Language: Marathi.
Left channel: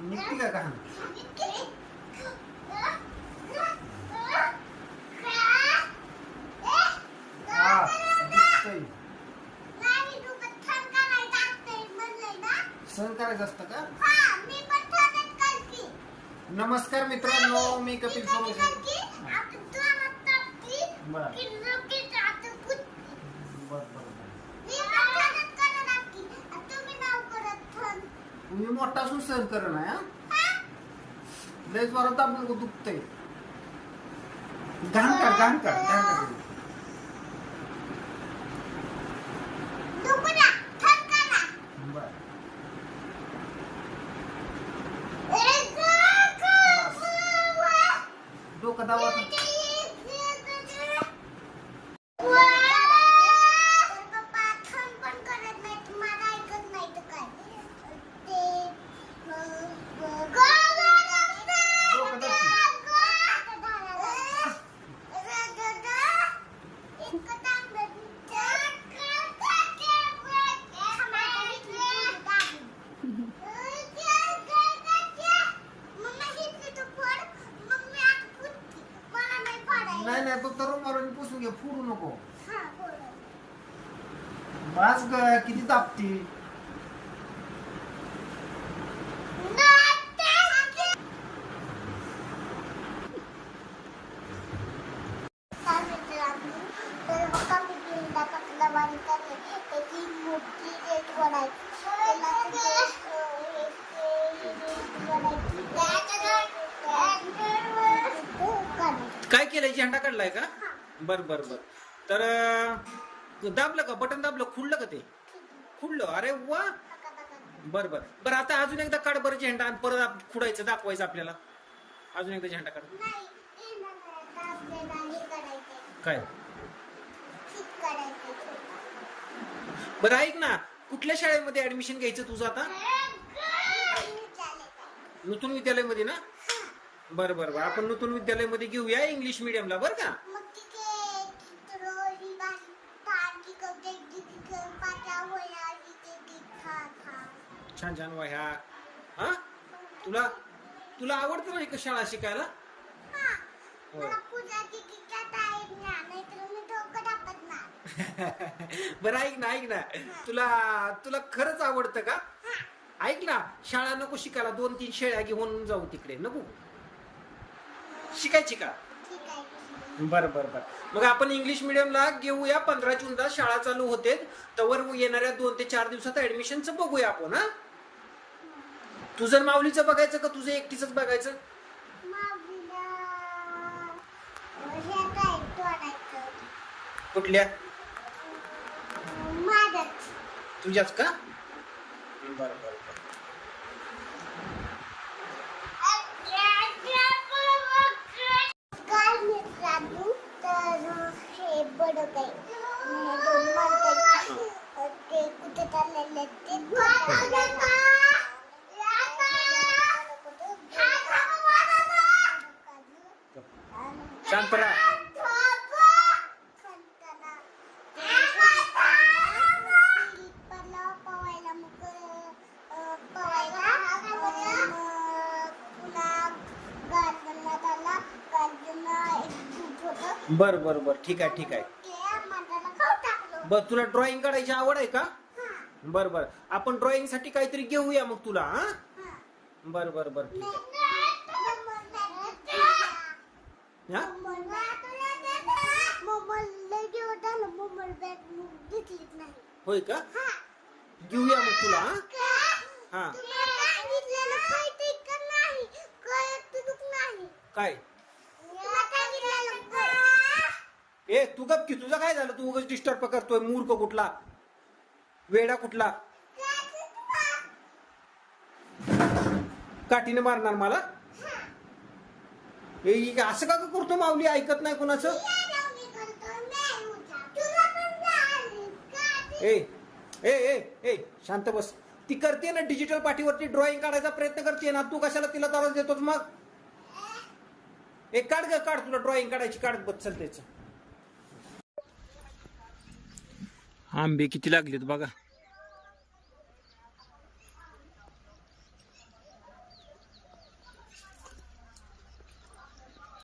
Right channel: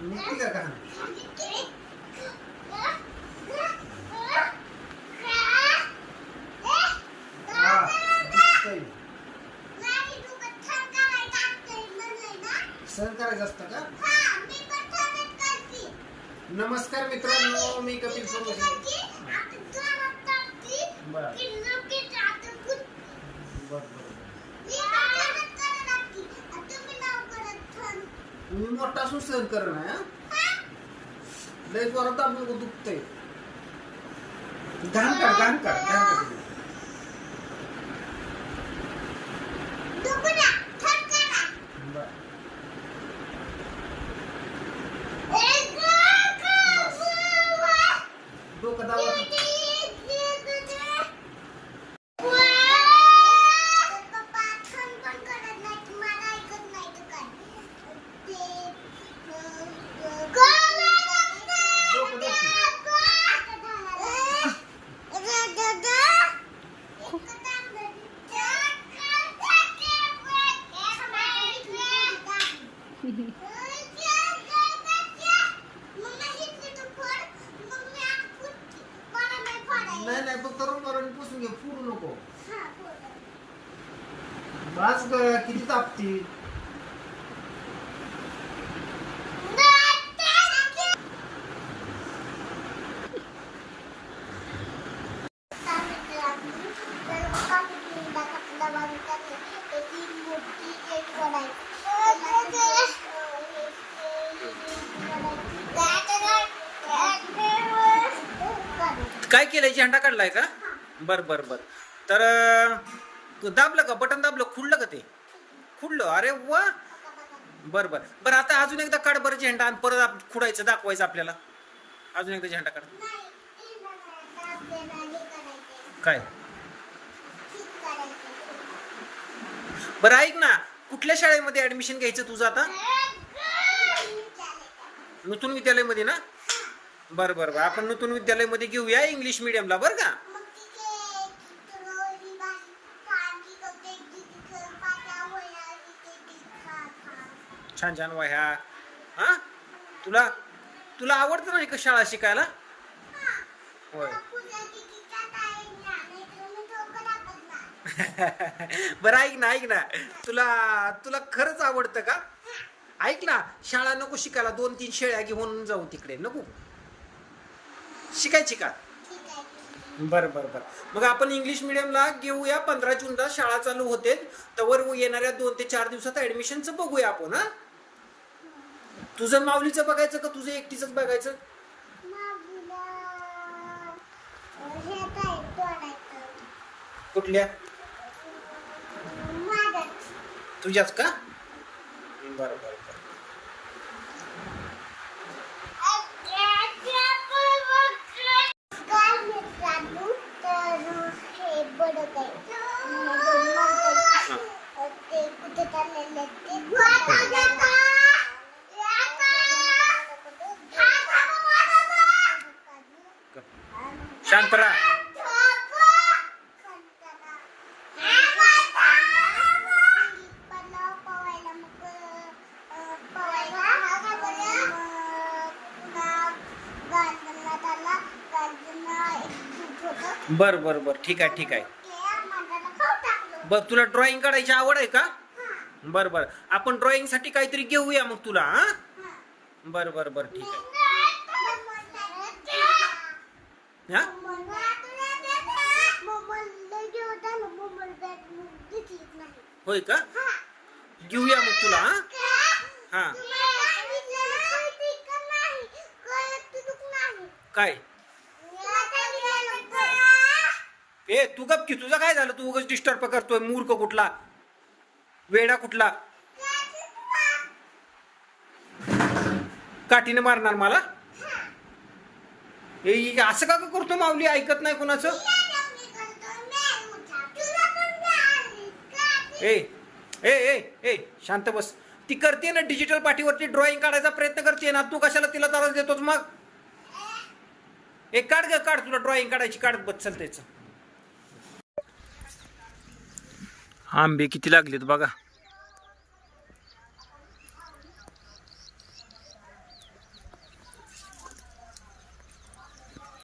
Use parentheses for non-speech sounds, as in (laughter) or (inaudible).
निघते का घाण सहन करायचं असतं का नमस्कार मित्रांनो मी कपिल सोमसे बरं. मोठा असून सहन कर ना हा? लय जोरात आपलं दुखतंय घाण काढ घाण काढ घाण. बर गं. डोकं दावा नाही नाही तो तरुण मारून पुसून घे फुडू नको. बास ग किती तापती काय केलंय? झेंडा काढलाय का? बर बर बर. तर दाबलं का? बटन दाबलं? खुडलं का ते? खुडलं. अरे वा! बर बर. बर आता अजून एकदा काढ बरं झेंडा आणि परत खुडायचं दाखवायचं आपल्याला. अजून एकदा झेंडा काढ. काय? बरं ऐक ना. कुठल्या शाळेमध्ये ऍडमिशन घ्यायचं तुझं आता? नूतन विद्यालयामध्ये ना? बरं बरं बरं. आपण नूतन विद्यालयामध्ये घेऊया इंग्लिश मिडियमला बरं का? छान छान वह्या. हा? तुला तुला आवडतं नाही का शाळा शिकायला? होय. (laughs) बरं ऐक ना ऐक ना. तुला तुला खरंच आवडतं का? ऐक ना शाळा नको शिकायला. दोन तीन शेळ्या घेऊन जाऊ तिकडे. नको. शिकायची का? बरं बरं बरं. मग आपण इंग्लिश मिडियमला घेऊया. पंधरा जूनला शाळा चालू होते. तवर येणाऱ्या दोन ते चार दिवसात ऍडमिशनचं बघूया आपण हा? तुझं माऊलीचं बघायचं का तुझं एकटीच बघायचं? कुठल्या? तुझ्याच का? बरं बरं बरं काय मित्रांनो तर हे बडक आहे हे दोन माणसं आहेत. ते कुठे चाललेले आहेत ते शांत राहा. बर बर बर. ठीक आहे ठीक आहे. बर तुला ड्रॉइंग काढायची आवड आहे का? बर बर. आपण ड्रॉइंगसाठी काहीतरी घेऊया मग तुला हा? बर बर बर ठीक आहे. हा? होय का? घेऊया मग तुला हा? हा. काय? ए तू गप की तुझं काय झालं? तू उगाच डिस्टर्ब करतोय मूर्ख कुठला? वेडा कुठला? काठीने मारणार मला? ए, असं का करतो माऊली? ऐकत नाही कोणाचं? ए ए ए ए शांत बस. ती करते ना डिजिटल पाठीवरती ड्रॉइंग काढायचा प्रयत्न करते ना तू कशाला तिला त्रास देतोच मग? ए काढ ग काढ तुला ड्रॉइंग काढायची काढत बस चल आंबे किती लागलेत बघा.